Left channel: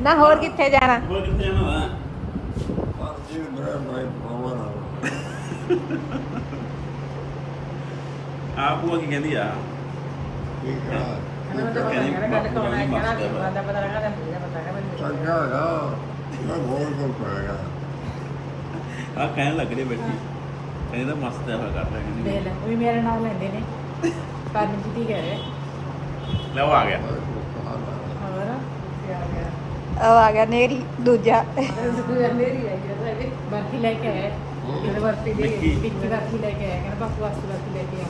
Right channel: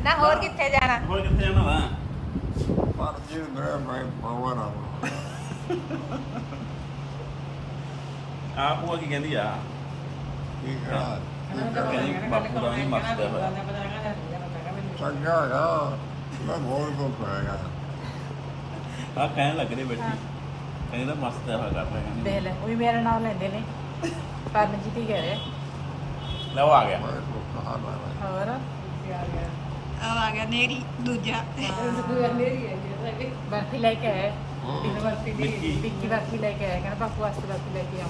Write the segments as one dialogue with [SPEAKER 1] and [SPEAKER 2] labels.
[SPEAKER 1] ਨਾ ਹੋਰ ਕਿੱਥੇ ਜਾਣਾ?
[SPEAKER 2] ਹੋਰ ਕਿੱਥੇ ਜਾਣਾ ਵਾ?
[SPEAKER 3] ਮਰਜ਼ੀ ਮੇਰੇ ਮੈਂ ਪਾਵਾਂ ਨਾ
[SPEAKER 2] ਆ। ਭੂਆ ਕੀ ਕਹਿੰਦੀ ਆ
[SPEAKER 3] ਠੀਕ ਹੈ
[SPEAKER 1] ਮੈਨੂੰ ਤਾਂ ਪਤਾ ਨਹੀਂ ਕਿਹੜਾ ਗੱਲ ਕੋਣ ਹੈ ਕਿਹੜਾ ਵੀ ਬੰਦਾ ਪਤਾ ਲੱਗਾ ਤੇ ਮੁਝੇ ਪਤਾ ਹੈ ਮੈਨੂੰ
[SPEAKER 3] ਚੰਗਾ ਨਾ ਮੈਂ ਬਹੁਤ ਕੋ ਪਾਇਆ
[SPEAKER 2] ਆ ਕਹਿਣ ਲੱਗੜੀ ਬੈਠੀ ਕਹਿੰਦਾ ਮਸਤ ਹੈ। ਲਗਾ
[SPEAKER 1] ਦੇ ਲੈ ਵੀ ਮੇਰੇ ਨਾਮ ਲੈਂਦੇ ਨੇ। ਕਰਨ ਜੀ ਦੀ ਗਏ
[SPEAKER 2] ਲੈ ਉਹ ਆ
[SPEAKER 1] ਕੀ ਆ ਗਿਆ।
[SPEAKER 4] ਉਹ ਆ ਗਿਆ ਨੇਰੀ ਦੂਜਾ।
[SPEAKER 1] ਬਾਕੀ ਲੈ ਕੇ ਆਏ ਇਹਦੇ ਵਾਸਤੇ ਦੇ
[SPEAKER 2] ਵਿੱਕੀ।
[SPEAKER 1] ਵਿੱਕੀ ਬਾਕੀ ਲੈ ਕੇ ਆਇਆ। ਕਹਿੰਦਾ ਬਾਪੂ ਵਾਸਤੇ ਬਾਕੀ ਲੈ ਕੇ ਆਇਆ।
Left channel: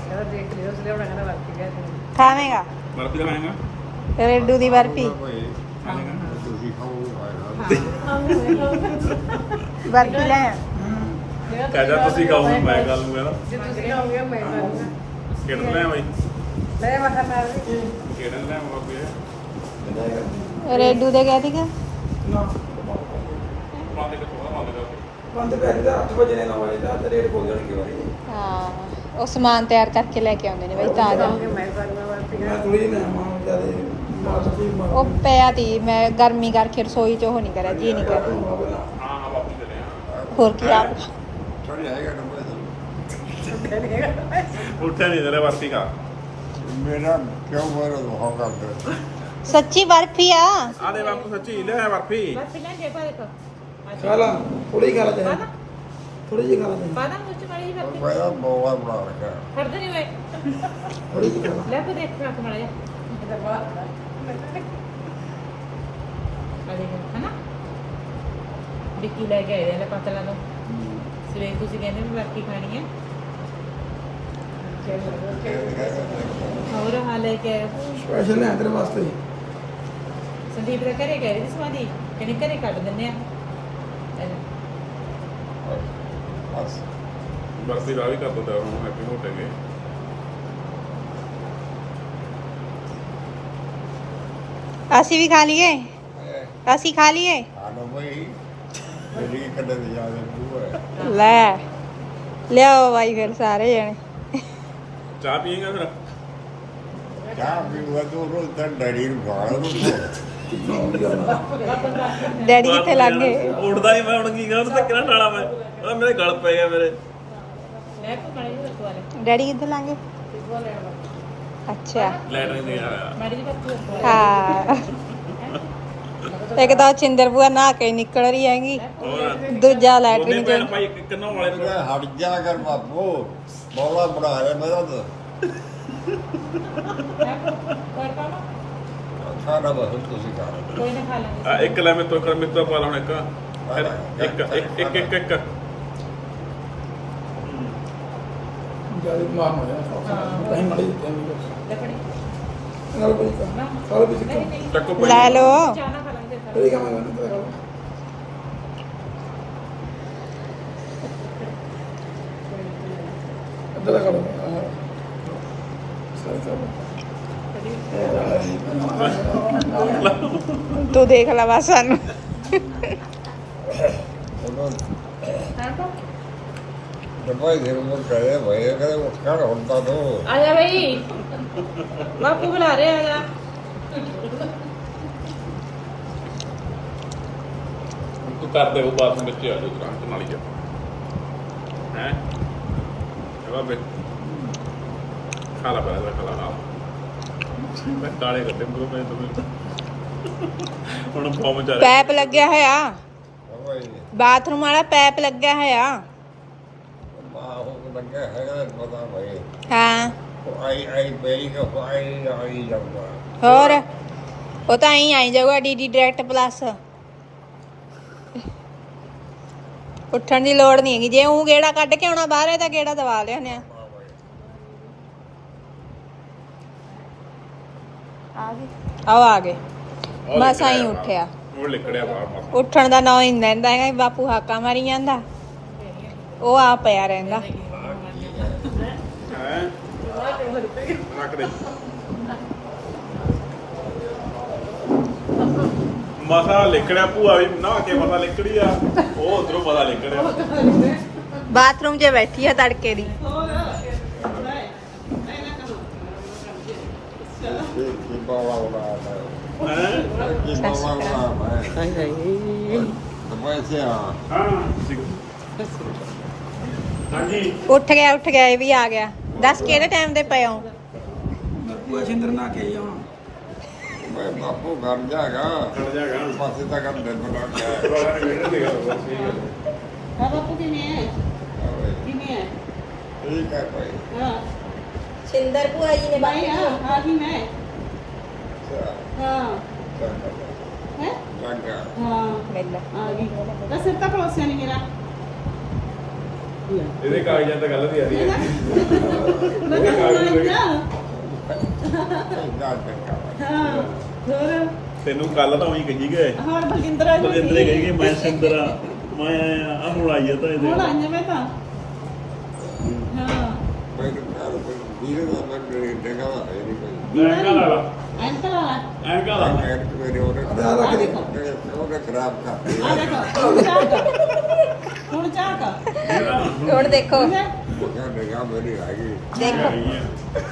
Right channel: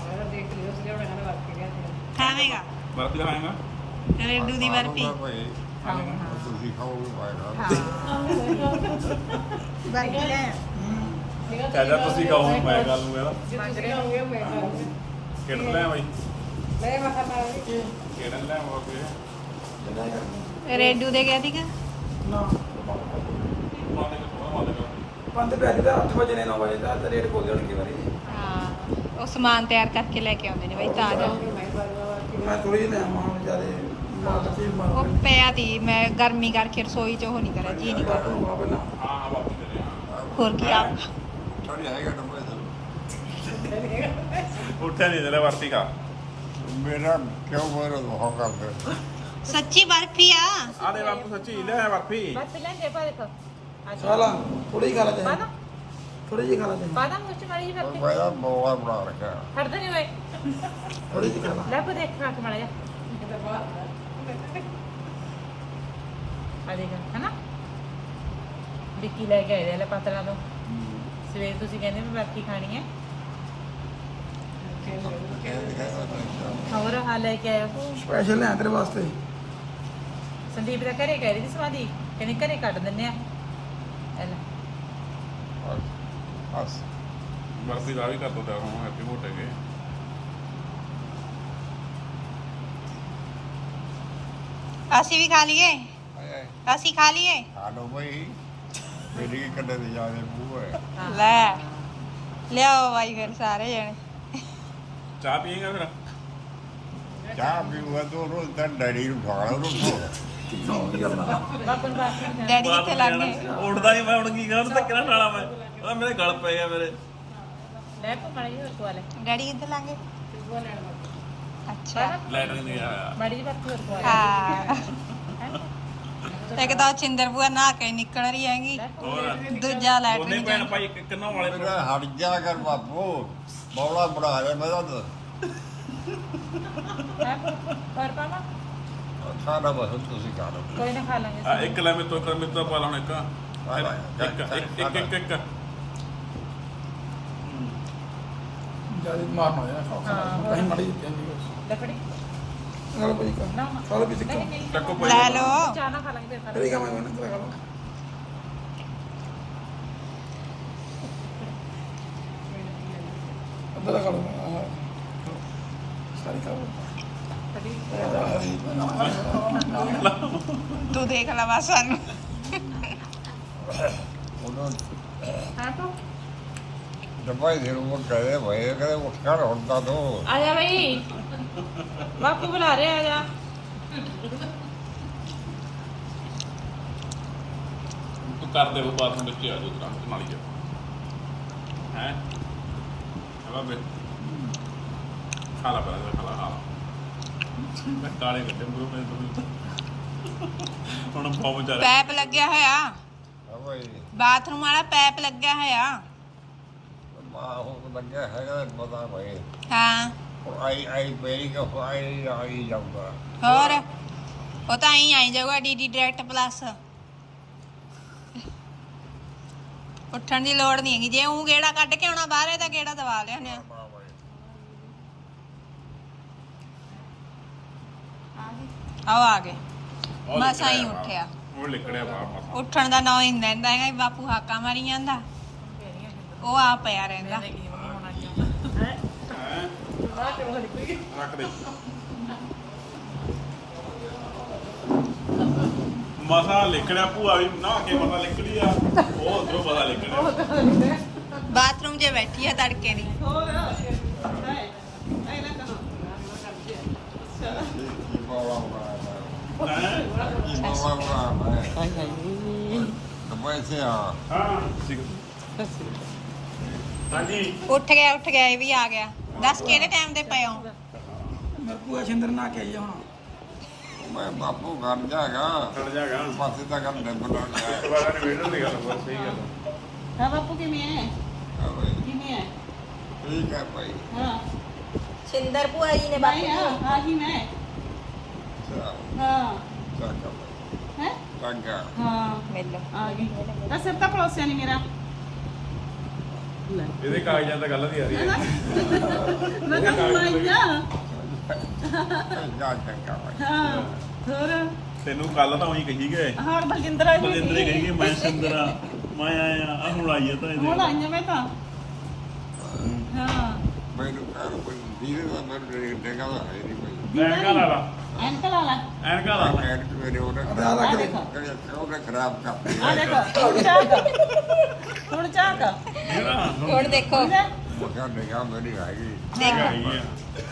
[SPEAKER 4] ਖਾਵੇਂਗਾ?
[SPEAKER 2] ਵਾਪਸ ਲਾਏਗਾ
[SPEAKER 4] ਰੇਡੂ ਦੀ ਬਰਫੀ। ਬਰਫੀ ਲੈ ਆ।
[SPEAKER 2] ਕਹਿੰਦਾ ਤੁਸੀਂ ਕਹੋ ਮੈਂ ਗੱਲ ਨੂੰ ਕਹਿੰਦਾ।
[SPEAKER 1] ਮੈਂ
[SPEAKER 2] ਕਿਹੜਾ ਲੈ ਬਾਈ
[SPEAKER 1] ਲੈ ਨਾਲ
[SPEAKER 2] ਕਿਹੜਾ ਲੈ ਮਗਰ
[SPEAKER 4] ਰੇਡੂ ਦੇ ਗਿਆ ਸੀਗਾ
[SPEAKER 2] ਬੰਦ ਕਰ ਬੰਦ ਕਰ
[SPEAKER 5] ਬੰਦ ਕਰਕੇ 8 ਵਜੇ ਨੇ 9 ਵਜੇ ਤੱਕ
[SPEAKER 4] ਹਾਂ ਉਹ ਸਮਾਨ ਤਿਆਰ ਕਰਕੇ ਲੈ ਕੇ ਆਉਂਦੇ ਨੇ ਬਈ ਤਾਜ਼ਾ।
[SPEAKER 1] ਮੈਂ ਤੁਹਾਨੂੰ
[SPEAKER 5] ਮੈਂ ਥੋੜੀ ਜਿਹੀ ਨਾ ਮੰਨ ਜਿਆਦੇ। ਨਾ ਤੁਸੀਂ
[SPEAKER 4] ਉਹ ਪਿਆ ਤੀ ਮੈਂ ਗਰਮੀ ਕਰਕੇ ਰਸੋਈ ਚ ਉਹ ਨਹੀਂ ਕਰਿਆ ਜੀ ਨਹੀਂ ਕਰਿਆ। ਹੋਰ ਕੀ ਆ
[SPEAKER 3] ਥੋੜੀ ਆਏਗਾ ਨੰਬਰ
[SPEAKER 2] ਉੱਠਿਆ ਨਹੀਂ ਤੇਰੇ ਵਾਸੀ ਕਾ
[SPEAKER 3] ਮੇਰਾ ਕਿਉਂ ਮਾਰੇ ਹੋ ਕਰਦੇ?
[SPEAKER 4] ਸੱਚੀ ਬਰਫੀ ਆ।
[SPEAKER 2] ਆ ਦੇ ਬਾਪੂ ਸੱਚੀ ਲੈ ਬਰਫੀ।
[SPEAKER 1] ਬਸ ਲੈ ਜੇ ਪਾਏ ਤਾਂ।
[SPEAKER 5] ਚਲ ਥੋੜੀ ਖਾ ਲੈ ਥੋੜੀ ਜਿਹੀ ਖਾ ਲੈ
[SPEAKER 1] ਬਾਦਾਮ ਮੁੱਚ ਮਾਰੀ ਜੀ ਕਰਦੀ
[SPEAKER 3] ਮੈਂ ਬਹੁਤ ਮਾਰ ਗਿਆ
[SPEAKER 1] ਖੜਦੇ ਨਹੀਂ ਹੋਏ
[SPEAKER 5] ਥੋੜੀ ਜਿਹੀ ਖਾ ਲੈ
[SPEAKER 1] ਲੈ ਕੋ ਦੇਖ ਫਾਟ ਮਾਰੇ ਅਰੇ ਹਨਾ? ਵਿੱਕੀ ਲੈ ਕੇ ਆਏ ਲੈ ਪਤਾ ਲਾ ਲਓ ਸਵੇਰ ਤੁਸੀਂ ਕਹਿੰਦੇ ਵੀ ਬਾਕੀ ਖਾਣੀ ਹੈ। ਹੋਰ ਹਾਂ ਲੈ ਕੇ ਆਇਆ
[SPEAKER 5] ਸਪੈਸ਼ਲ ਹੈ ਤੇਰੇ ਵਾਸਤੇ।
[SPEAKER 1] ਸੰਦੀਪ ਦਾ ਘਰੇ ਕਹਿ ਰਹੀ ਸੀ ਸਮਾਦੀ ਕਹਿੰਦੀ ਘਰੇ ਕੱਢ ਦਿੰਨੇ ਆ। ਇਹ ਲੈ।
[SPEAKER 2] ਬਰਫੀ ਦਾ ਵੀ ਕਰ ਦੋ ਉਹਨੂੰ ਹੈਪੀ ਹੋਟੇ ਗਏ।
[SPEAKER 4] ਅਸੀਂ ਵੀ ਖਾ ਲਈਏ। ਅਸੀਂ ਖਾ ਲਈਏ।
[SPEAKER 3] ਜਿਹੜੀ ਯਾਦ
[SPEAKER 4] ਲੈ। ਲਿਆਓ ਬਾਈ ਫਿਰ ਸਾਰੇ ਜਣੇ।
[SPEAKER 2] ਚਾਹ ਪੀਏਗਾ ਫਿਰ?
[SPEAKER 3] ਚਾਹ ਵੀ ਉਹ ਰੋਲ ਤਾਂ ਡਰੀ ਨੂੰ ਗਾਲ ਨੂੰ
[SPEAKER 4] ਡੈਡੀ ਕਿੱਥੇ ਲੱਗ ਗਏ?
[SPEAKER 2] ਉੱਠਦਾ ਹੀ ਮੈਂ ਹੁਣ ਕੀ ਕਰਾਂ ਉਹਨੂੰ ਤਾਂ ਕਿਹੜਾ ਡਾਲਾ ਮੈਂ। ਉਹ ਮੇਰੇ ਗਲ ਪੈ ਗਿਆ ਮੇਰੇ।
[SPEAKER 4] ਡੈਡੀ ਕਿੱਥੇ ਲੱਗ ਗਏ? ਅੱਛਾ।
[SPEAKER 2] ਲੈਣਾ ਹੀ। ਨਹੀਂ ਆਇਆ
[SPEAKER 4] ਹਾਂ ਇੱਕ ਤਾਂ ਚਿੰਦਰ ਬੂਆ ਨਹਾ ਕੇ ਨਿਕਲ ਰਹੀ ਹੈਗੀ। ਦੂਜਾ
[SPEAKER 2] ਨੂੰ?
[SPEAKER 3] ਮੈਂ ਹਟ ਜਾ ਕਰ ਬਾਪੂ। ਬੋਲਾ ਬੜਾ ਰਿਹਾ ਮੈਂ ਤਾਂ। ਸਾਡਾ ਬਸ ਤੁਸੀਂ ਕਰ
[SPEAKER 1] ਕੋਈ ਨਾ ਖਾ ਲਾਂਗੇ
[SPEAKER 2] ਆ, ਇੱਕ ਲੈ ਮੈਂ ਤੋਂ ਕਰ ਮੇਰੇ ਤੋਂ ਪਾ ਲਾਉਣਾ ਇੱਕ ਇੱਕ ਇੱਕ ਇੱਕ ਇੱਕ ਇੱਕ
[SPEAKER 5] ਜ਼ਿਆਦਾ ਮਾਰ ਨਾ ਕਹੀਂ ਮੜੀ
[SPEAKER 1] ਲੱਕੜੀ।
[SPEAKER 5] ਨਾਲ ਕੋਈ ਕਾ ਖਾ ਵੀ ਸਿੱਕਾ
[SPEAKER 1] ਨਹੀਂ ਨਹੀਂ।
[SPEAKER 2] ਟੱਕੂ ਭਾਈ।
[SPEAKER 4] ਲੈ ਲਓ।
[SPEAKER 1] ਚਾਹਨਾ ਖਾ ਲਾਂਗੇ ਫਿਰ
[SPEAKER 5] ਤੇਰੀ ਕਾ ਮੈਂ ਨਾ ਤੇਰਾ ਅੰਦਰ ਖੜੋ ਸਹੀ
[SPEAKER 4] ਤੂੰ ਦੇਖ ਲੈ ਬਸ ਸਾਨੂੰ।
[SPEAKER 3] ਉਹਨੂੰ
[SPEAKER 1] ਹਾਂ ਕੋ
[SPEAKER 3] ਦਵਾਈ ਦੇ ਨੂੰ ਕਹੇ ਭਾਈ ਕਿ ਕਰ ਹੁੰਦਾ ਦੋ
[SPEAKER 1] ਆ ਜਾ ਬਈ। ਬਾਪੂ ਬੁਲਾ ਰਹੇ ਆ ਜਾ
[SPEAKER 2] ਤੂੰ ਕਰ ਦੇ ਉਹ ਬਾਤ ਵਿੱਚ ਆ ਜਾ ਦੁਕਾਨ ਤੇ ਨਾਲ ਹੀ ਹੈ? ਇਹ ਬੇ ਖਾ ਲਾ ਬਾਹਰ ਖਾ ਲਾ ਮੈਂ ਕਾਲੇ ਕਰਦੇ ਮੂੰਹ ਮੈਂ ਦੂੰ ਹੁਣ ਬਹੁਤ ਮਚਾ
[SPEAKER 4] ਪੈਪ ਲੱਗਿਆ ਹੋਇਆ। ਬਾਥਰੂਮ ਵਾਲਾ ਪੈਪ ਲੱਗਿਆ ਹੋਇਆ।
[SPEAKER 3] ਮਾਂ ਹੋ ਲੱਗਿਆ ਹੈਗਾ ਪਤਾ ਭਾਈ
[SPEAKER 4] ਹਾਂ।
[SPEAKER 3] ਉਹ ਆਈ ਆਈ ਬੇਰੀ ਕੇ ਫਾਈ ਆਈ ਜਾਂਦਾ।
[SPEAKER 4] ਹੋਰ? ਉਹ ਤਾਂ ਐਂ ਆਈ ਜਾਊਗਾ ਡੀਡੀ ਡਾਇਰੈਕਟ ਪਲੱਸ ਉੱਠਣ ਦੀ ਲੋੜ ਨਹੀਂ ਹੈਗੀ। ਜੇ ਉਹ ਗੇੜਾ ਕੱਢ ਕੇ ਆਉਣਾ ਬਾਹਰ ਹੈ ਤਾਂ ਗੇੜਾ ਦਵਾ ਲਿਆਨੇ ਆ ਆ ਗਏ। ਆਓ ਆ ਗਏ ਮਸਾਂ ਹੀ ਉੱਠਿਆ।
[SPEAKER 2] ਉਹ ਬਾਹਰ
[SPEAKER 4] ਉੱਠਣ ਦਾ ਨਾਂ ਹੀ ਨਹੀਂ ਲੈਂਦਾ ਹੈਗਾ ਬਾਪੂ ਹਾਕਾ ਮਾਰੀ ਜਾਂਦਾ। ਉਹ ਆ ਪਿਆ ਰਹਿੰਦਾ।
[SPEAKER 2] ਮਸਾ ਲਿਖੜਿਆ ਭੂਆ ਵੀ ਨਾ ਕੇ ਪਤਾ ਲਿਖੜੀ ਆ। ਉਹ ਉਧਰੋਂ ਪਤਾ ਲਿਖੜਿਆ।
[SPEAKER 4] ਬਾਥਰੂਮ 'ਚ ਬੈਠੀ ਆ ਤੜਕੇ ਦੀ
[SPEAKER 3] ਕੀ ਬਾਵਾ ਉਡਾ ਕੀ ਬਾਬਾ ਬਣਾ ਹੈ
[SPEAKER 4] ਹਾਏ ਹਾਏ
[SPEAKER 2] ਹਾਂ ਹਾਂਜੀ
[SPEAKER 4] ਉੱਠ ਗਿਆ ਉੱਠ ਗਿਆ ਇਹ ਵੀ ਆ ਗਿਆ। ਦੱਸ ਕਿਹੜੇ ਟਾਈਮ ਦੇ ਪਏ ਹੋ?
[SPEAKER 5] ਸਿੰਦਰ ਨਾ ਕੇ
[SPEAKER 3] ਮੈਂ ਬਾਪੂ ਘਰ ਜਾਗਾ
[SPEAKER 2] ਖੜ ਜਾਗਾ
[SPEAKER 3] ਪਾਸੇ ਤੱਕ ਹਮ ਦਿਨ ਬਣਾ ਗਿਆ
[SPEAKER 2] ਦੁਬਾਰਾ ਵੇਟ ਦੀ ਗੱਲ ਬਸ ਸਹੀ ਗੱਲ
[SPEAKER 6] ਹਾਂ ਬਾਪੂ ਕਿਵੇਂ ਹੈ? ਕਿਵੇਂ ਹੈ।
[SPEAKER 3] ਠੀਕ ਹੈ। ਭਾਈ
[SPEAKER 6] ਹਾਂ
[SPEAKER 4] ਸਿੰਦਰ ਭੂਆ ਜੀ ਨੇ
[SPEAKER 6] ਭਾਈ ਹਾਂ ਆ ਗਈ ਮੈਂ। ਬਸ ਸਿਰ ਤਾਂ ਪਰੋਸਿਆ ਨਹੀਂ ਮੇਰਾ
[SPEAKER 2] ਇਹਦੇ ਕਾਗਜ਼ਾਂ ਤੇ ਗੱਲ ਦੀ ਆ ਰਹੀ ਹੈ
[SPEAKER 6] ਉਹਨਾਂ ਦਾ ਕਾਗਜ਼
[SPEAKER 3] ਜਾ ਦੇ
[SPEAKER 6] ਹਾਂ ਹੋਰ
[SPEAKER 2] ਤੈਨੂੰ ਕੱਲ ਤਾਂ ਉਹੀ ਕਹੀ ਗਏ
[SPEAKER 6] ਹਰ ਬਲਜਿੰਦਰ ਆ ਗਈ
[SPEAKER 2] ਬਲਿੰਦਰੇ ਕਹੀ ਗਏ ਮੈਂ ਸਿੰਦਰਾ ਮੈਂ ਆਇਆ ਆ ਹੁਣ ਆਈ ਆ ਤਾਂ
[SPEAKER 6] ਹੁਣ
[SPEAKER 2] ਇਹਦੇ
[SPEAKER 6] ਆਈਆਂ ਮੈਂ ਤਾਂ ਹਾਂ
[SPEAKER 3] ਮੈਨੂੰ ਕਾਲ ਕੋਈ ਵੀਰੇ ਦਾ ਮੈਂ ਦੇਗਾ ਦਾ ਹੈ ਨਹੀਂ
[SPEAKER 2] ਐਨਕਾ ਲਾ ਲਾ
[SPEAKER 6] ਅੰਕਲ ਆ ਲੈ
[SPEAKER 2] ਐਨਕਾ ਲਾ ਲਾ।
[SPEAKER 3] ਉਹਨੇ
[SPEAKER 5] ਖਰਾਬ।
[SPEAKER 3] ਉਹਨੇ ਕਰਤੀ
[SPEAKER 6] ਆ ਦੇਖੋ ਹੁਣ ਚਾਹਤਾ ਹੁਣ ਚਾਹਤਾ
[SPEAKER 4] ਹੁਣ ਦੇਖੋ
[SPEAKER 3] ਨਿਗਾਹ ਮੇਰੀ ਆ ਗਈ
[SPEAKER 4] ਦੇਖੋ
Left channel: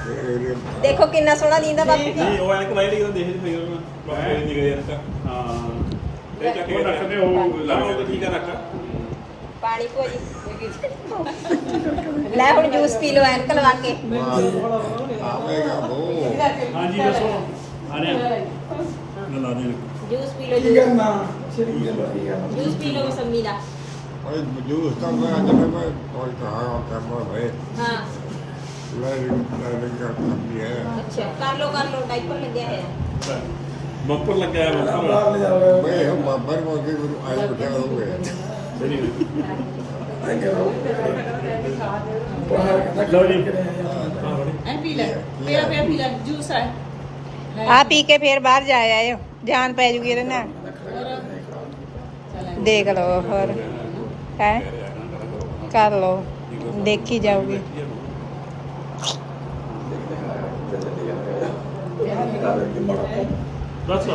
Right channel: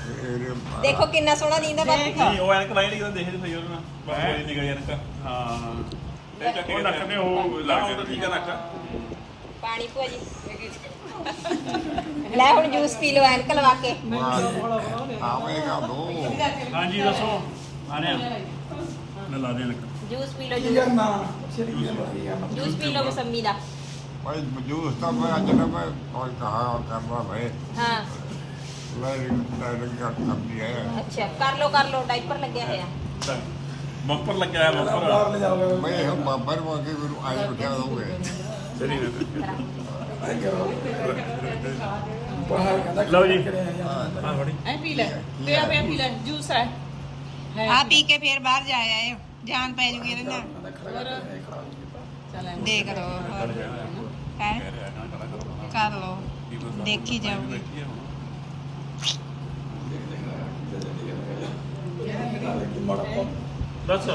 [SPEAKER 3] ਇਹ
[SPEAKER 4] ਦੇਖੋ ਕਿੰਨਾ ਸੋਹਣਾ ਨੀਂਦਾ ਬਾਪੂ
[SPEAKER 2] ਨਹੀਂ ਉਹ ਐਨਕ। ਲਾਈ ਨਹੀਂ ਕਿਤੇ ਦੇਖ ਨਹੀਂ ਉਹ ਗਈ ਐਨਕ ਹਾਂ ਇਹ ਚੱਕ ਉਹ ਲਾਓ ਤਾਂ ਠੀਕ ਆ ਰੱਖ।
[SPEAKER 4] ਪਾਣੀ ਭੂਆ ਜੀ ਲੈ ਹੁਣ ਜੂਸ ਪੀ ਲਓ ਐਨਕ ਲਵਾ ਕੇ।
[SPEAKER 3] ਆਵੇਗਾ ਦੋ
[SPEAKER 2] ਹਾਂਜੀ ਦੱਸੋ। ਆ ਰਿਹਾ। ਨਾ ਲਾ ਦੇ
[SPEAKER 4] ਜੂਸ ਪੀ ਲਓ ਜੂਸ। ਜੂਸ ਪੀ ਲਓ ਮਸੰਮੀ ਦਾ।
[SPEAKER 3] ਭਾਈ ਮਜੂਸ ਤਾਂ ਮੈਂ ਅੱਜ ਨਾ ਮੈਂ ਕੋਈ ਕਹਾ ਕਰਨਾ ਮੈਂ
[SPEAKER 4] ਹਾਂ।
[SPEAKER 3] ਮੇਰੀ ਮੇਰੀ ਕਰ ਕਰਦੀ ਹੈ
[SPEAKER 4] ਅੱਛਾ ਕਰ ਲਓ ਕਰ ਲਓ ਡਾਈਪਰ ਲੱਗਿਆ ਹੋਇਆ।
[SPEAKER 2] ਬੰਪਰ ਲੱਗਿਆ
[SPEAKER 5] ਬਾਹਰ
[SPEAKER 2] ਬੰਪਰ।
[SPEAKER 3] ਮੈਂ ਹਮ ਬਾਬਰ ਮੋ ਕੇ ਗੁਰੂ ਆਈ ਬਿਠਾ ਹੋਵੇ
[SPEAKER 2] ਸਹੀ।
[SPEAKER 3] ਹਾਂ
[SPEAKER 2] ਆ ਬੜੀ
[SPEAKER 6] ਐ ਪੀ ਲੈ ਪਿਆ ਪਿਆ ਪੀ ਲੈ ਜੂਸ ਹੈ
[SPEAKER 4] ਆ ਪੀ ਕੇ ਫੇਰ ਬਾਹਰ ਜਾ ਆਇਓ ਜਾਨ ਪੈ ਜੂਗੀ ਇਹਦੇ ਨਾਲ ਦੇਖ ਲਓ ਹੋਰ ਹੈ ਕਰ ਲਓ ਦੇਖੀ ਜਾਊਗੀ
[SPEAKER 2] ਬਸ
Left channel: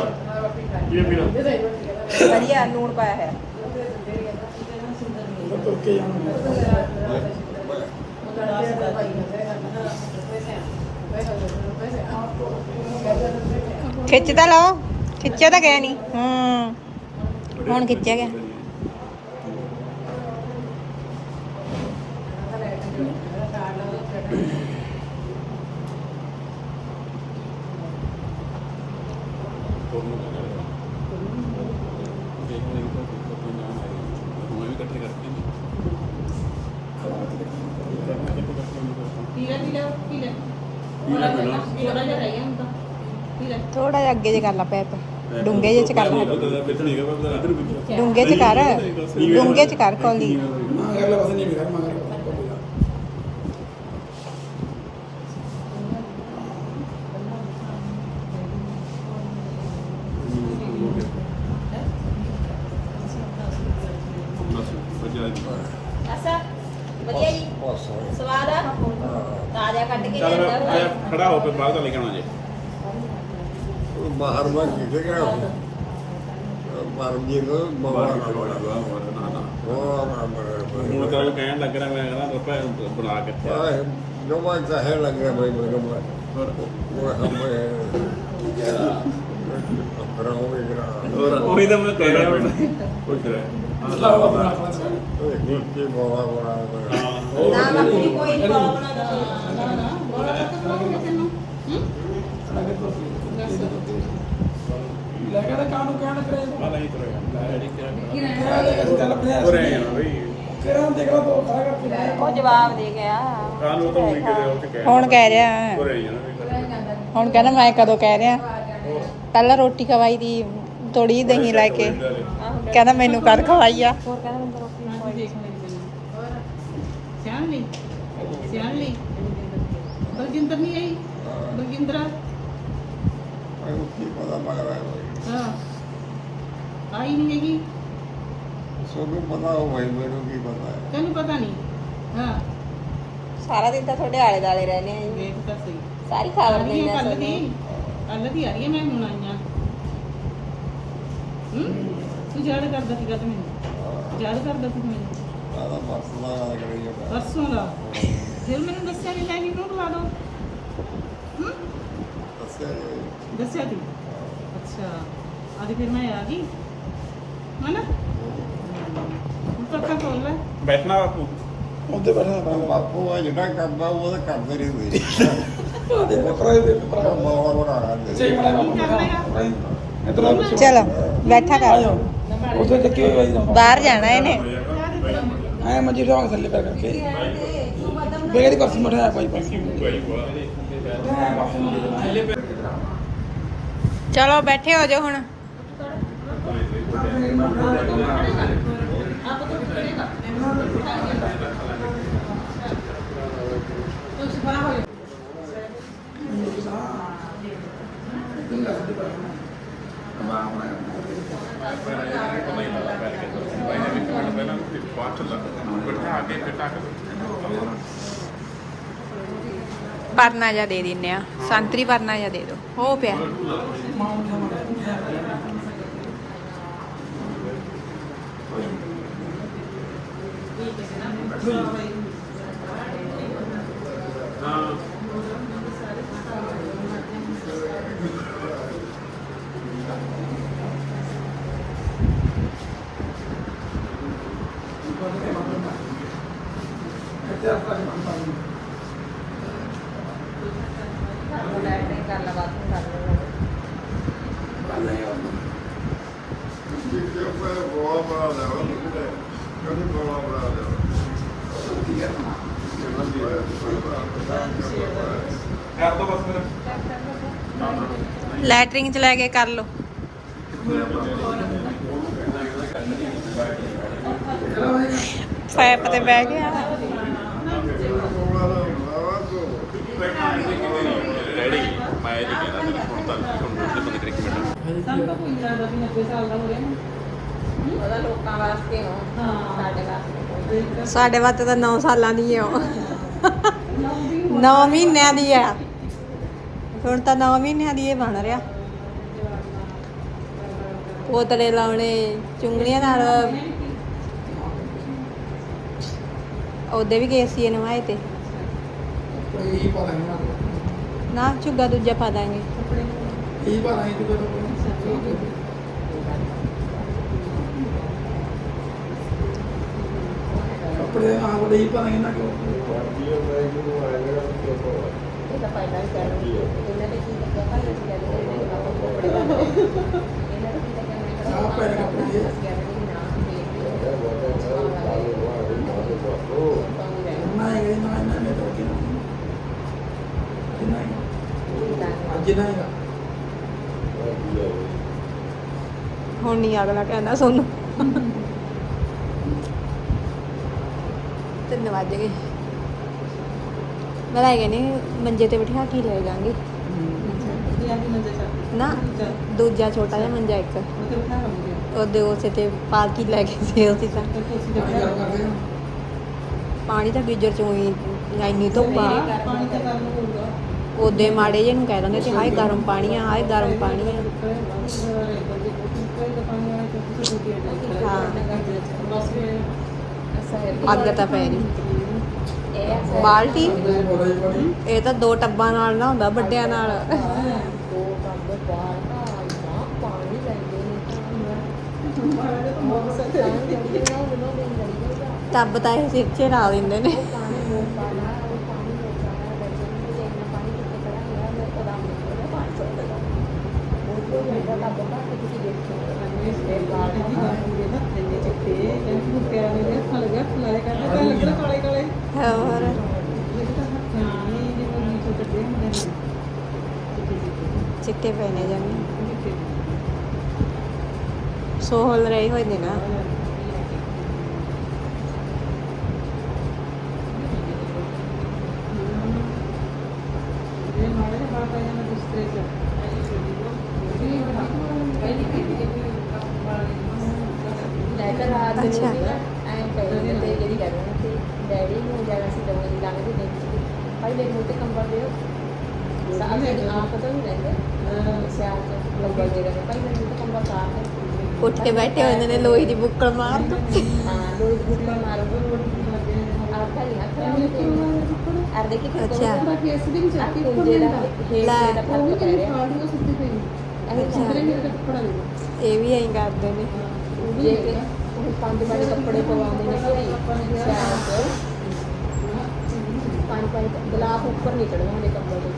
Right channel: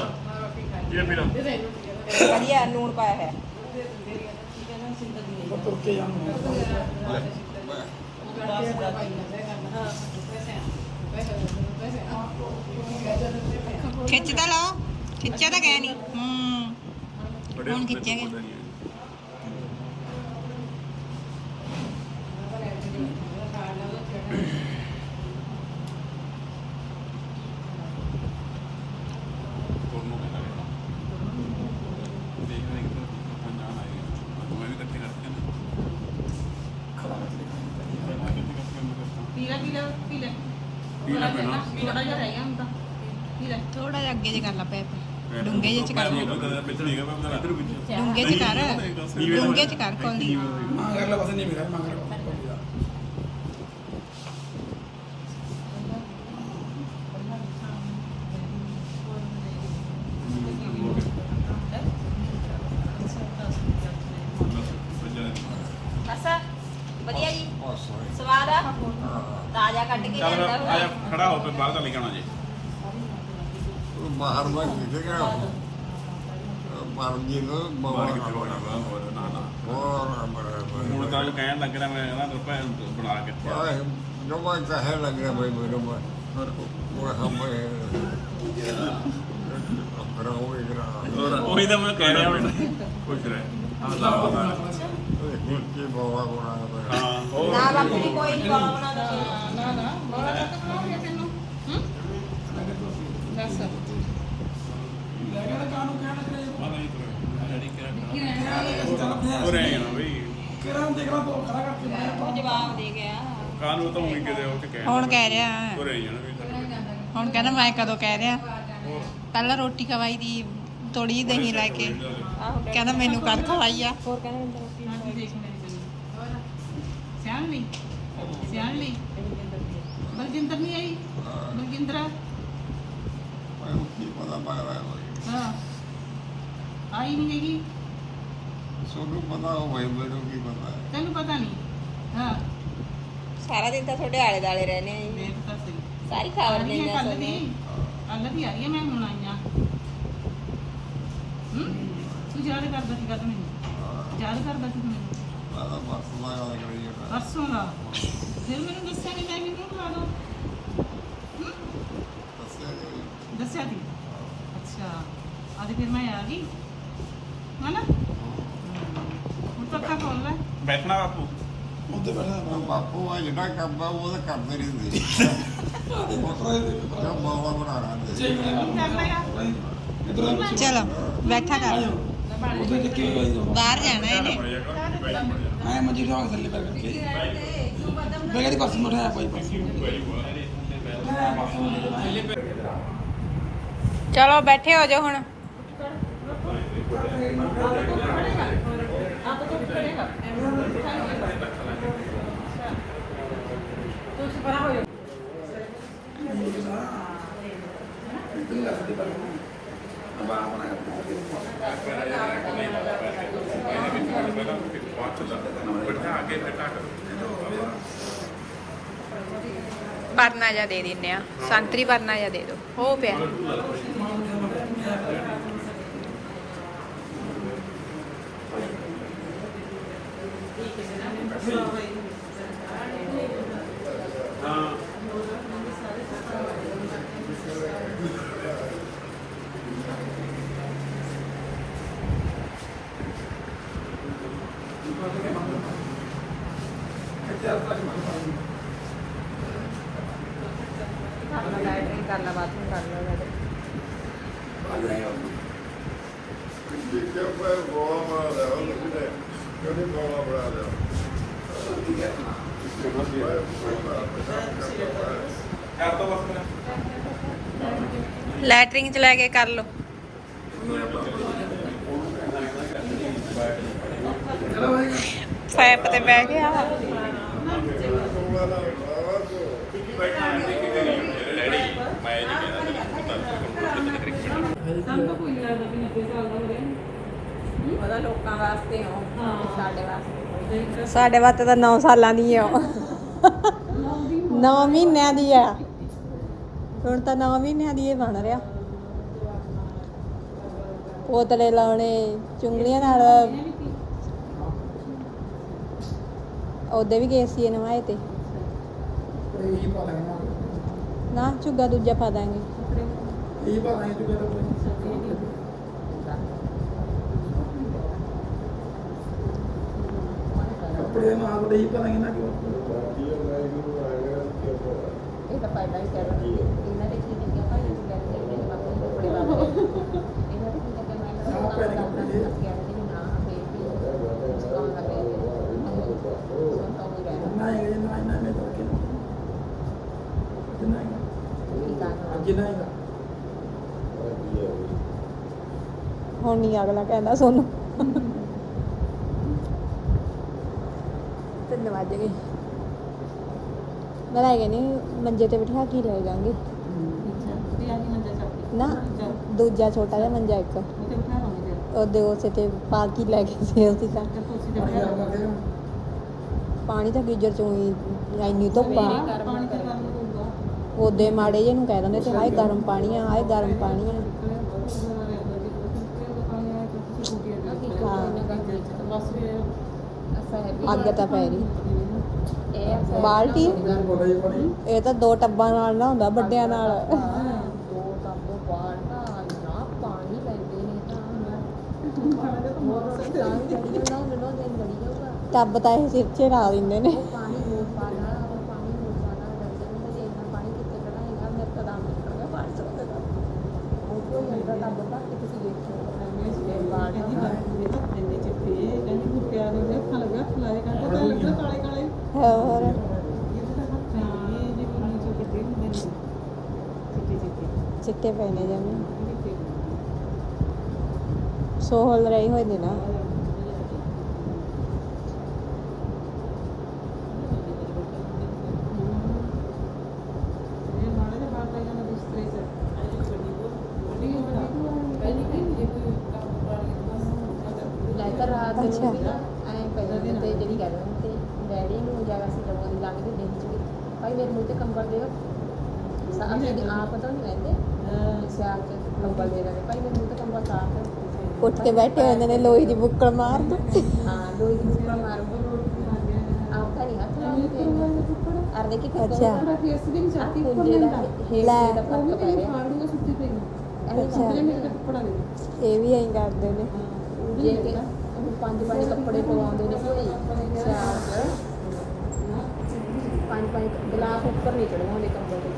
[SPEAKER 2] ਇਹ ਵੀਰੋ
[SPEAKER 4] ਵਧੀਆ ਲੂਣ ਪਾਇਆ ਹੈ
[SPEAKER 5] ਓਕੇ ਜਾਵਾਂ
[SPEAKER 4] ਖਿੱਚ ਤਾਂ ਲਓ। ਖਿੱਚਿਆ ਤਾਂ ਗਿਆ ਨਹੀਂ ਹੂੰ। ਹੁਣ ਖਿੱਚਿਆ ਗਿਆ
[SPEAKER 6] ਪੀ ਲੈ ਪੀ ਲੈ ਪੀ ਲੈ
[SPEAKER 2] ਪੀ ਲੈ ਪਹਿਲਾਂ।
[SPEAKER 6] ਥੋੜਾ ਜਿਹਾ
[SPEAKER 4] ਅੱਗੇ ਜੇ ਕਰ ਲਾ ਪੈਪ। ਡੂੰਗੇ ਜੇ ਚ ਕਰ। ਲਾ ਡੂੰਗੇ ਚ ਕਰ। ਡੂੰਗੇ ਚ ਕਰ ਕੋਲੀ।
[SPEAKER 5] ਅਗਲਾ ਪਾਸੇ ਨਹੀਂ ਮੇਰਾ ਮਗਰ
[SPEAKER 4] ਅਸਾ ਵਧੀਆ ਜੀ।
[SPEAKER 3] ਬਸ ਹੋਏ
[SPEAKER 4] ਸਵਾਦ ਆ? ਤਾਜ਼ਾ ਕੱਢ ਕੇ
[SPEAKER 2] ਚੱਲ
[SPEAKER 4] ਲਿਆਂਦਾ ਹੋਇਆ।
[SPEAKER 2] ਆਇਆ ਖੜਾ ਹੋ ਕੇ ਬਾਹਰ ਦਾ ਲੈ ਕੇ ਆਉਣਾ ਜੇ।
[SPEAKER 3] ਉਹ ਬਾਹਰ ਮੈਂ ਕਿੱਥੇ ਗਿਆ ਨੂੰ
[SPEAKER 2] ਬਾਹਰ
[SPEAKER 3] ਬਾਹਰ
[SPEAKER 2] ਕਿੱਥੇ ਵੜਾ ਬਾਹਰ ਨਾ ਨਾ
[SPEAKER 3] ਹੋਰ
[SPEAKER 2] ਹੁਣ ਤਾਂ ਉਹ ਕਹਿਣ ਲੱਗ ਰਿਹਾ ਮੈਂ ਕਹਿੰਦਾ ਰੁਪਏ ਬਣਾ ਕੇ ਤਿਆਰ।
[SPEAKER 3] ਜੋ ਮੈਂ ਕਹੇ ਲੱਗ ਭਾਈ ਮੈਨੂੰ ਮੈਂ ਉਹ ਹਮ ਅਪਰਾ ਹੋਵੇ ਗਰਾ
[SPEAKER 2] ਹੋਰ ਉਹੀ ਤਾਂ ਮੈਂ ਕਹਿ ਰਿਹਾ ਹੁਣ ਕੁਝ ਰਿਹਾ ਹਾਂ ਲਾ
[SPEAKER 3] ਕੀ ਬਾਵਾ ਬਣਾ ਬਣਾ
[SPEAKER 4] ਨਾ ਕੋਈ ਨਹੀਂ ਬਾਵਾ ਬਣਾ
[SPEAKER 6] ਨਾ ਨਾ ਬੋਲਾ ਤਾਂ ਤੈਨੂੰ
[SPEAKER 5] ਲੈ ਕੇ ਤਾਂ ਕਾਨੂੰ ਕਹਿਣ ਕਰੇ
[SPEAKER 2] ਨਹੀਂ ਕਰੇਗਾ ਰੈਡੀ
[SPEAKER 6] ਕੀ
[SPEAKER 2] ਕਰਾਂ ਬਈ
[SPEAKER 5] ਕਿਰਾਂ ਦੇਖ ਲਾ ਤੋ ਖੜਾ ਕਰਕੇ
[SPEAKER 4] ਉਹ ਜਵਾਬ ਦੇ ਗਿਆ
[SPEAKER 2] ਕਾਨੂੰ ਤਾਂ ਉਹੀ ਕਿਤੇ ਉਹ ਕਹਿ
[SPEAKER 4] ਹੁਣ ਕਹਿ ਰਿਹਾ। ਹੁਣ ਕਹਿੰਦਾ ਮੈਂ ਕਦੋਂ ਕਹਿ ਰਿਹਾ। ਪਹਿਲਾਂ ਰੋਟੀ ਖਵਾਈ ਦੀ ਥੋੜੀ ਦਹੀਂ ਲੈ ਕੇ। ਕਹਿੰਦਾ ਮੈਨੂੰ ਕਰ ਖਵਾਈ ਆ।
[SPEAKER 6] ਅੱਜ ਦੇਖ ਲੈ ਸਿਆਣ ਲਈ ਸਿਆਣ ਲਈ। ਬਲਜਿੰਦਰ ਨਹੀਂ ਆਈ? ਬਲਜਿੰਦਰਾ?
[SPEAKER 3] ਮੈਂ ਕੀ ਪਤਾ ਮਗਰ ਹੈ ਭਾਈ
[SPEAKER 6] ਹਾਂ। ਆਈ ਨਹੀਂ ਹੈਗੀ?
[SPEAKER 3] ਸੋਨੂੰ ਪਤਾ ਹੋ ਭਾਈ ਮੈਨੂੰ ਕੀ ਪਤਾ ਹੈ।
[SPEAKER 6] ਤੈਨੂੰ ਪਤਾ ਨਹੀਂ? ਹਾਂ।
[SPEAKER 4] ਸਾਰਾ ਦਿਨ ਤਾਂ ਤੁਹਾਡੇ ਆਲੇ ਦਾਲੇ ਰਹਿੰਦੇ ਆ
[SPEAKER 6] ਦੇਖ ਤਾਂ ਸਹੀ।
[SPEAKER 4] ਸਾਰੀ
[SPEAKER 6] ਆ ਰਹੀ
[SPEAKER 4] ਨਹੀਂ
[SPEAKER 6] ਹੈ ਕੱਲ ਦੀ। ਕੱਲ ਦੀ ਆ ਰਹੀ ਹੈ ਮੈਂ ਹੁਣ ਆਈਆਂ। ਹੂੰ? ਤੂੰ ਯਾਦ ਕਰਦਾ ਸੀਗਾ ਤੇ ਮੈਨੂੰ। ਯਾਦ ਕਰਦਾ ਸੀ ਮੈਨੂੰ।
[SPEAKER 3] ਤਾਂ ਬਸ ਦਾ ਗੱਲ ਕਰੀ ਜਾਂਦਾ
[SPEAKER 6] ਪਰਸੋਂ ਦਾ? ਫਿਰ ਮੈਨੂੰ ਦੱਸਿਆ ਨਹੀਂ ਲੈ ਮੈਨੂੰ ਲਵਾ ਦੋ ਹੂੰ?
[SPEAKER 3] ਦੱਸਿਆ ਜੀ
[SPEAKER 6] ਦੱਸਿਆ ਸੀ?
[SPEAKER 1] ਅੱਛਾ ਅੱਜ ਫਿਰ ਮੈਂ ਆ ਗਈ। ਹਨਾ? ਹੁਣ ਪੱਕਾ ਖੋਲ ਲੈ।
[SPEAKER 7] ਬੈਠਣਾ ਬਾਪੂ।
[SPEAKER 5] ਉਹਦੇ ਬੈਠਣਾ
[SPEAKER 3] ਬਾਪੂ ਆ ਜਿਹੜਾ ਕੰਮ ਆ ਉਹ ਤਾਂ ਕਰਦੇ ਰਹਿੰਦੇ
[SPEAKER 5] ਬੱਕਰਾ ਦੇ
[SPEAKER 3] ਜੋ ਬੋਲਾ ਬਣਾ ਰਹੇ
[SPEAKER 5] ਸਹੀ ਬਣਾ
[SPEAKER 1] ਕਰ ਲੇਗਾ
[SPEAKER 5] ਇਧਰ ਆ ਬੱਚੇ।
[SPEAKER 4] ਚਲੋ ਬੈਠਾ ਕਰ।
[SPEAKER 5] ਜਾਓ ਉਧਰ ਚੱਕੇ ਹੋਏ ਜੀ
[SPEAKER 4] ਬਾਹਰ ਜਾਣਾ ਇਹਨੇ
[SPEAKER 5] ਐ ਮੰਜੀ ਰੋਂਗ ਥੱਲੇ ਪੈ ਕਰਕੇ ਬੇਗਰੀ ਕੋਸ ਮਠਿਆ ਭਾਈ ਭਾਈ
[SPEAKER 4] ਚਲੋ ਬੈਠੇ ਹੋ ਜਾਓ ਹੁਣ ਪਰਨਾ ਜਾ ਦੇ ਦਿੰਨੇ ਆ। ਸੰਤਰੀ ਪਰਨਾ ਜਾ ਦੇ ਦਿਓ। ਹੋ ਪਿਆ।
[SPEAKER 3] ਜਿੱਥੇ ਕੋਈ ਗੋਆ ਬਣਾ ਲਿਆ ਉਹਨੇ ਕਦੇ ਗੋਆ ਬਣਾ ਲਿਆ
[SPEAKER 4] ਲੈਟਰਿੰਗ ਚ ਲੈ ਕੇ ਕਰ ਲਓ। ਪੈਪ ਤੇ ਬਹਿ ਗਿਆ।
[SPEAKER 1] ਸਾਨੂੰ ਤਾਂ ਕੋਈ ਨਹੀਂ ਲੱਗਦਾ ਵੀ 90 ਸਾਲ ਦਾ ਹੋ ਰਿਹਾ
[SPEAKER 8] ਉਹਦਾ ਲੋਕਾਂ ਵਾਸਤੇ ਹੋ। ਸਾਡੇ ਵਾਸਤੇ।
[SPEAKER 4] ਸਾਡੇ ਵਾਸਤੇ ਤਾਂ 9 ਸਾਲਾਂ ਦੀ ਆ। 9 ਮਹੀਨਿਆਂ ਦੀ ਆ। ਹੁਣ ਤਾਂ 9 ਮਹੀਨਿਆਂ ਦੀ ਇਹ ਬਣ ਰਿਹਾ। ਪੋਤਲੇ ਲਾਉਣੇ ਚੁੰਗਲੀਆਂ ਨਾਲ। ਉਹਦੇ ਵੀ ਗਏ ਸੀ ਨਵਾਏ ਤੇ।
[SPEAKER 5] ਕੋਈ ਹੀ ਪਾ ਲੈਣਾ
[SPEAKER 4] ਨਾ ਝੁੱਗਾ ਦੂਜਾ ਪਾ ਦਾਂਗੇ।
[SPEAKER 5] ਇਹ ਪਾ ਲੈਣਾ ਕਿ ਕੋਈ ਕੱਪੜੇ ਨਾਲ ਕੋਲ ਹੀ ਪਾ
[SPEAKER 4] ਹੁਣ ਨਹੀਂ ਅਗਲਾ ਕਹਿੰਦਾ ਸੋਨੂੰ। ਤਿੰਨ ਵੱਜ ਗਏ। ਮੈਂ ਲੈ ਗਏ ਨੇ ਮੰਜੇ ਤੇ ਬਿਠਾ ਕੇ ਹੀ ਲੈ ਜਾਾਂਗੇ
[SPEAKER 1] ਮੰਜਾ
[SPEAKER 4] ਨਾ, ਦੂਜਾ ਛੋਟਾ ਜਿਹਾ ਮੰਜਾ ਇੱਕ।
[SPEAKER 1] ਮਤਲਬ
[SPEAKER 4] ਉਹਦੇ ਉਸੇ ਤੇ ਪਾ ਕੇ ਲੈ ਗਏ ਸੀ ਅਸੀਂ ਤਾਂ। ਪਾਣੀ ਤਾਂ ਗੀਜਰ ਚੋਂ ਹੀ, ਇੰਨੀ ਧੁੱਪ ਆ। ਉਹਦੇ ਮਾੜੇ ਜੇ ਨੂੰ ਕਹਿ ਦਿੰਦੇ ਤੇ ਹਾਏ ਗਰਮ ਪਾਣੀ ਆ, ਹਾਏ ਗਰਮ ਪਾਣੀ ਆ। ਅੱਗ ਤਾਂ ਪੈ ਰਹੀ। ਬਾਲਟੀ?
[SPEAKER 5] ਇਹ
[SPEAKER 4] ਤਾਂ ਦੋ ਟੱਬਾਂ ਨਾਲ ਨਾ ਹੁੰਦਾ ਵੱਡਿਆਂ ਨਾਲ। ਟੱਬ ਤਾਂ ਇਹ ਸਿਰ 'ਚ ਲਾ ਦਿੰਦੇ ਨੇ
[SPEAKER 8] ਪਾਣੀ ਹੋ ਪਾਣਾ ਪਾਣੀ ਹੋ ਪਾਣਾ ਕਰਦੇ ਨੇ ਇੰਨਾ ਪਾਣੀ ਕਿੱਥੇ ਖੜਾ ਯਾਰ ਮੇਰੇ ਕੋਲ ਆਮ ਨਹੀਂ ਪਾਣੀ ਚੁੱਕਦਾ ਉਹ ਤੋਂ ਮੇਰਾ ਤਾਂ ਬਹੁਤ ਹੈ ਕਿਸੇ ਦੇਖੋ
[SPEAKER 1] ਇਹ ਬਾਲ ਦੀ ਬਾਤ ਹੋਈ ਨਾ ਇੰਨੇ ਚਿੱਟੇ ਕਹਿੰਦੇ ਮੁੱਕਿਆ ਨੇ ਹੱਥ ਲੱਗਾ ਖਲਾਏ ਕਰਦੇ ਤਾਂ ਲੱਗਣਾ ਕਾਲੇ ਕਾਲੇ
[SPEAKER 4] ਹੋਰ
[SPEAKER 1] ਇਹ ਤਾਂ ਹੱਥਾਂ ਨਹੀਂ ਜੇ ਕੋਈ ਨੀਚੇ ਕੱਢੇ ਹੁੰਦੇ ਨੇ ਚਿੱਟੇ ਚਿੱਟੇ
[SPEAKER 4] ਚਿੱਟੇ ਪਏ ਨੇ ਜਮੀ ਸੋਹਲ ਰਹੇ ਹੋਏ ਨੇ ਨਾ ਅੱਛਾ।
[SPEAKER 8] ਡੈਡੀ ਨੂੰ ਜਾਣਾ ਸੀ ਦਵਾਈ ਦੀ ਲੰਘਦੇ ਦਿਨ ਭਾਈ ਮੇਰੇ ਮੂੰਹ ਤੇ ਕੰਬਲ ਦਿਓ ਸਾਹ ਦੇ ਆਪ ਚ ਕੰਬਲ ਦੇ ਰਹੇ ਭਾਈ ਮੂੰਹ ਤੇ ਕੰਬਲ ਸਾਫ਼ ਹੈ
[SPEAKER 4] ਉੱਠ ਕੇ ਬੈਠੇ ਹੋਏ ਨੇ ਲੋਹੀ ਦੀ ਬੁੱਕਲ ਮਾਰ ਦੋ।
[SPEAKER 8] ਹਾਂ ਲੋਈ ਦੀ ਬੁੱਕਲ ਮਾਰੋ ਆਪ ਤਾਂ ਨਹੀਂ ਹੱਥ ਲਾਉਂਦੇ ਅਰ ਦੇਖੀ
[SPEAKER 4] ਅੱਛਾ।
[SPEAKER 1] ਫੇਸ ਦੇ ਵਿੱਚ
[SPEAKER 8] ਆ ਕੁੰਜੇ ਦਾ
[SPEAKER 4] ਲੈ।
[SPEAKER 8] ਹੇਠ ਦਾ ਫ਼ਰਕ ਪੈ ਰਿਹਾ
[SPEAKER 4] ਅੱਛਾ। ਇਹ ਵੀ ਐਂ ਕਰਦੇ ਨੇ।
[SPEAKER 8] ਜੇ ਕਿ ਹੁਣ ਪੰਜ ਪੰਜ ਕੱਪੜੇ ਪਵਾਉਂਦੇ ਨੇ ਕੋਈ ਸਿਆਲ ਚ ਪੰਜ ਪੰਜ ਗਲਾਫ ਉੱਪਰ ਨਹੀਂ ਚੜਵਾਉਂਦੇ ਕੰਬਲ ਦੇ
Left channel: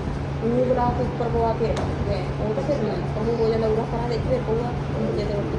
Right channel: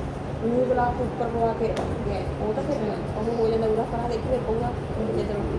[SPEAKER 8] ਉਹ ਗਲਾਫ ਉੱਪਰ ਪਵਾ ਕੇ ਰੱਖਦੇ ਆ ਉਹ ਤਾਂ ਫਿਰ ਉਹ ਹੋ ਜਾਂਦਾ ਉਰਾ ਕਰਾ ਦੇ ਫਿਰ ਪਊਗਾ ਜੇ ਤੇ ਰੋਟੀ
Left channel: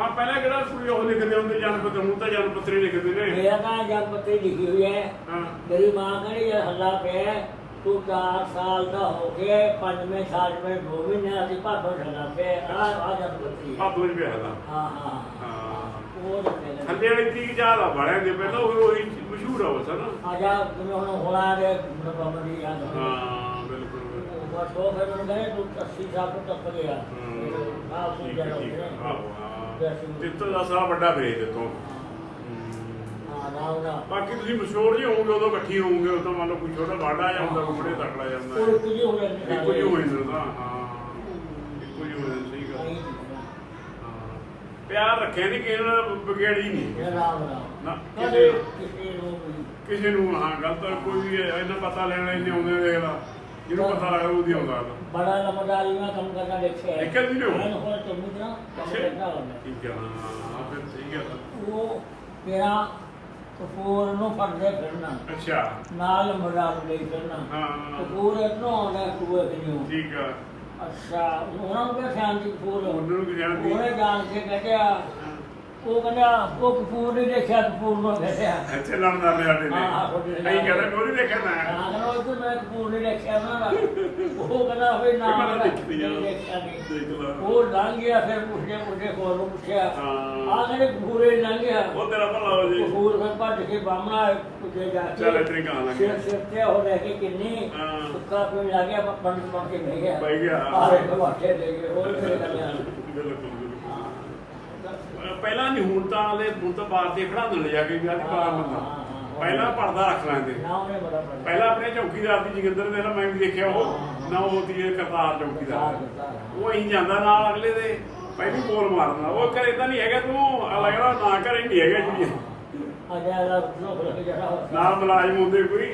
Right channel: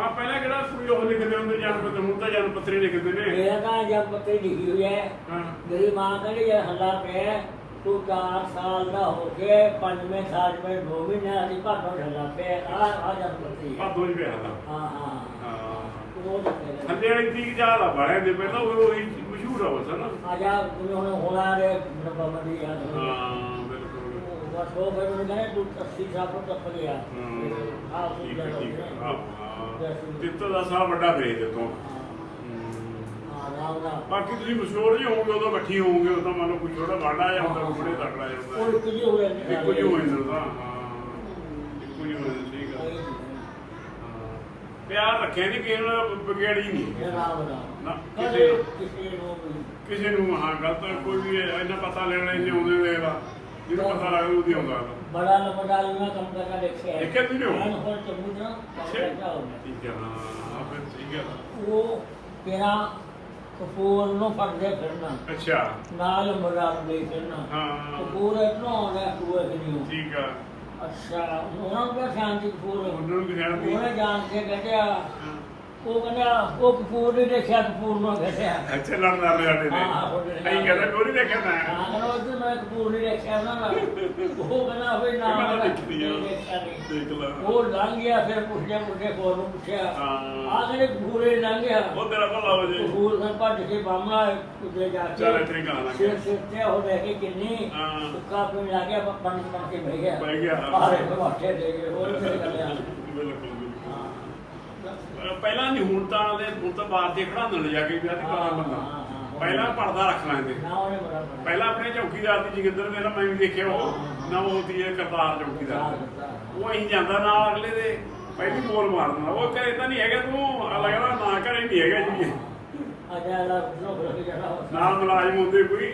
[SPEAKER 7] ਹਾਂ ਪਹਿਲਾਂ ਕਿਹੜਾ ਕੋਈ ਉਹ ਲਿਖਦੇ ਹੁੰਦੇ ਜਨਮ ਪੱਤਰ ਹੁਣ ਤਾਂ ਜਨਮ ਪੱਤਰੀ ਲਿਖਦੇ ਨੇ।
[SPEAKER 9] ਮੇਰਾ ਤਾਂ ਜਦ ਪੱਤੇ ਲਿਖੀ ਹੋਈ ਹੈ।
[SPEAKER 7] ਹਾਂ।
[SPEAKER 9] ਮੇਰੀ ਮਾਂ ਕਹਿੰਦੀ ਇਹ ਹੱਲਾ ਪਿਆ ਤੂੰ 4 ਸਾਲ ਦਾ ਹੋ ਗਿਆ ਪੰਜਵੇਂ ਸਾਲ ਵਿੱਚ ਦੋ ਮਹੀਨੇ ਅਸੀਂ ਭਾਦੋਂ ਹੱਲਾ ਪਿਆ ਆ ਆ ਜਦ ਪੱਤੀ
[SPEAKER 7] ਆ ਦੋ ਹੀ ਪਿਆ ਦਾ
[SPEAKER 9] ਹਾਂ ਹਾਂ
[SPEAKER 7] ਹਾਂ।
[SPEAKER 9] ਉਹ ਲਿਖਿਆ
[SPEAKER 7] ਥੱਲੇ ਵਾਲੀ ਕੀ ਜ਼ਿਆਦਾ ਬੜਿਆ ਦੇ ਪਹਿਲਾਂ ਉਹ ਉਹੀ ਮਸ਼ਹੂਰ ਆ ਬਸ ਨਾ?
[SPEAKER 9] ਆ ਜਾ ਜਿਵੇਂ ਹੁਣ ਹੋਣਾ ਦੇ ਨਪਮ ਦੀ ਯਾਦ
[SPEAKER 7] ਹਾਂ।
[SPEAKER 9] ਬਸ ਉਹ ਫਿਰ ਉਹਨੇ ਕਹਿੰਦੇ ਤੂੰ 80 ਸਾਲ ਤੋਂ ਤੱਕ ਗਿਆ
[SPEAKER 7] ਹਾਂ
[SPEAKER 9] ਆ ਉਹ
[SPEAKER 7] ਠੀਕ ਹੈ
[SPEAKER 9] ਜਿਹੜਾ
[SPEAKER 7] ਠੀਕ ਹੈ
[SPEAKER 9] ਹਾਂ
[SPEAKER 7] ਆਹੋ, ਹਾਂ ਤਿੱਤੋ ਦਾ ਸਾਹ ਵੱਡਾ ਵੇਚ ਦਿੱਤੋ।
[SPEAKER 9] ਰਾਮ ਰਾਮ
[SPEAKER 7] ਬਾਕੀ ਤੁਸੀਂ ਮਸ਼ਹੂਰ ਜੀ ਹੋਵੋਗੇ ਉਦੋਂ ਇਕੱਠੀ ਹੋਵੋਗੇ ਉਦੋਂ ਮੰਨ ਲਓ ਕੋਈ ਛੋਟਾ ਵਾਡਾ ਜਾਂ ਹੁੰਦਾ ਕੋਈ ਬੜੇ ਤਕੜਾ ਜਾਂਦਾ
[SPEAKER 9] ਉਹ ਕੁਝ ਹੋ
[SPEAKER 7] ਇੱਕੋ ਜਾਂਦਾ ਹਾਂ ਇੱਕੋ ਹੀ ਹੋ ਜਾਂਦਾ ਠੀਕ ਆ ਹਾਂ। ਪਿਆਰ ਰੱਖਿਆ ਨਹੀਂ ਕਿਸੇ ਨਾਲ ਵਿਗੜੀ ਨਹੀਂ
[SPEAKER 9] ਰਾਮ
[SPEAKER 7] ਨਾ ਕਿਸੇ
[SPEAKER 9] ਕਿਸੇ ਨੂੰ
[SPEAKER 7] ਕਿਸੇ ਨੂੰ ਹਾਂ ਗਲਤ ਕੋਈ ਵੀ ਇਹਨਾਂ ਪਤਾ ਲੈਣਾ ਇੰਨੇ ਆਉਂਦੇ ਵੇਖਦਾ ਜਿਹਨੂੰ ਪਤਾ ਲੱਗਦਾ ਉਹਦੀ ਆਉਂਦਾ
[SPEAKER 9] ਬੜਾ ਲੰਬੜਾਈ ਨਾਲ ਕੰਮ ਕਰਨਾ ਦੇਖਿਆ ਹੈ।
[SPEAKER 7] ਦੇਖਿਆ ਉਹ?
[SPEAKER 9] ਮੈਂ ਹੁਣ ਚੰਗੀ ਤਰ੍ਹਾਂ ਕੰਮ ਕਰਦਾ ਹੁੰਦਾ
[SPEAKER 7] ਠੀਕ ਹੈ ਹਾਂ ਫਿਰ ਠੀਕ ਹੈ।
[SPEAKER 9] ਉਹ ਤੇਰਾ ਕਪੂਰ ਨੂੰ ਫੜਦੇ ਫਿਰਨਾ।
[SPEAKER 7] ਅੱਛਾ।
[SPEAKER 9] ਨਾਲ ਮਜ਼ਾਕ ਦੇ ਫਿਰਨਾ।
[SPEAKER 7] ਹਾਂ।
[SPEAKER 9] ਕਪੂਰ ਇਤਨਾ ਆਉਣਾ ਤੇ ਨੂੰ।
[SPEAKER 7] ਠੀਕ ਆ।
[SPEAKER 9] ਅੱਛਾ ਉਹਨਾਂ ਨੂੰ ਕਿਹਾ ਸ਼ਾਂਤੀ ਕਪੂਰ?
[SPEAKER 7] ਉਹਨਾਂ ਨੂੰ ਕੀ ਜਾਣਦੀ
[SPEAKER 9] ਉਹਨੇ ਜਾਣ ਕੇ ਕਹਿੰਦਾ ਉਹ ਕਹਿੰਦਾ ਉਹ ਕਪੂਰ ਨਹੀਂ ਦੇਖਿਆ ਕਪੂਰ ਨੂੰ ਕਹਿੰਦਾ
[SPEAKER 7] ਅੱਛਾ ਲੜਦਾ ਰਿਹਾ ਸਾਡੇ
[SPEAKER 9] ਹਾਂ, ਹਾਂ, ਉਹਦੇ
[SPEAKER 7] ਨੇ
[SPEAKER 9] ਨਾਲ।
[SPEAKER 7] ਅਸੀਂ ਕਹਿੰਦਾ ਕੋਈ ਨਹੀਂ ਦੇਖਿਆ ਮੈਂ?
[SPEAKER 9] ਹਾਂ ਉਹ ਮੈਂ ਕਪੂਰ ਨਹੀਂ ਦੇਖਿਆ ਨਾ। ਨਾ। ਉਹ ਕਹਿੰਦਾ ਹੋਵੇ ਨਾ
[SPEAKER 7] ਮੈਂ ਤਾਂ
[SPEAKER 9] ਨਾ,
[SPEAKER 7] ਦੇਖੀ ਆ।
[SPEAKER 9] ਨਹੀਂ ਦੇਖਿਆ ਨਹੀਂ
[SPEAKER 7] ਦੇਖ ਲਾ।
[SPEAKER 9] ਉਹ ਲੰਘ ਗਿਆ ਫਿਰ ਪੁੱਛਿਆ ਪੁੱਛਿਆ ਕੋਲ ਨੂੰ ਪੁੱਛਿਆ।
[SPEAKER 7] ਹਾਂ।
[SPEAKER 9] ਆ ਕਹਿੰਦੇ ਕਪੂਰੇ ਲੰਘ ਗਿਆ?
[SPEAKER 7] ਉਹ ਤੇਰਾ ਭਲਾ ਹੋ ਜੇ।
[SPEAKER 9] ਕਪੂਰ ਫਿਰ ਭੱਜ ਕੇ ਬਾਹਮਣਾ ਉੱਤੇ ਜਾ ਕੇ।
[SPEAKER 7] ਚੱਲ ਇਤਨੀ ਕਹਾਂ ਲੱਗੇ
[SPEAKER 9] ਸਿਰ ਸਿਰ ਤੇ ਉਹ ਲੈ ਕੇ ਕਿੰਨੀ
[SPEAKER 7] ਹਾਂ।
[SPEAKER 9] ਸੁੱਕਾ ਪੀਣ ਲੱਗ ਗਿਆ ਪੰਜ ਪੜ ਕੇ ਬਹਿ ਗਿਆ।
[SPEAKER 7] ਬਹਿ ਗਿਆ।
[SPEAKER 9] ਆਰੇ ਦੇ ਗਏ ਹੋਰ ਕਿਹੜੇ
[SPEAKER 7] ਬਿਲਕੁਲ। ਪਹਿਲਾਂ ਨਹੀਂ ਹੁਣ ਤਾਂ ਦੇ ਹੁਣ ਤਾਂ ਬਾਹਰ ਤੇ ਖੜਾ ਦਿੰਦੇ ਜਾ ਕੇ ਵਿਆਹ ਦੀ ਕਾਲਾ ਬੰਦਾ। ਪਹਿਲਾਂ ਪਰਦਾ ਰੱਖ ਲੈਂਦੇ
[SPEAKER 9] ਨਾ
[SPEAKER 7] ਪਹਿਲਾਂ ਆਪਣੇ ਚੌਕੀਦਾਰ ਦੀ ਜਗਿੰਦਰ ਦੇ ਨਾਲ ਮੈਂ ਵੀ ਦੇਖਿਆ ਉਹ ਨਾ ਉਹ ਦੀ ਕਰਤਾਰ ਚੌਕੀਦਾਰ। ਉਹ ਅਹੀਂ ਜਾਂਦਾ ਨਾਲ ਅਗਲੇ ਦੇ ਪਹਿਲੀ ਬੋਲ ਮਾਰਦਾ ਉਹ ਘਰੇ ਤਾਂ ਨਹੀਂ ਹੈਗਾ ਤੂੰ ਲੱਗਦਾ ਨਾ ਘਰੇ ਨਹੀਂ ਹੈਗਾ ਜੀ।
[SPEAKER 9] ਅਜਾ
[SPEAKER 7] ਨਾਲ ਮੁਲਾਜ਼ਮ ਹੁੰਦੇ ਕੋਈ।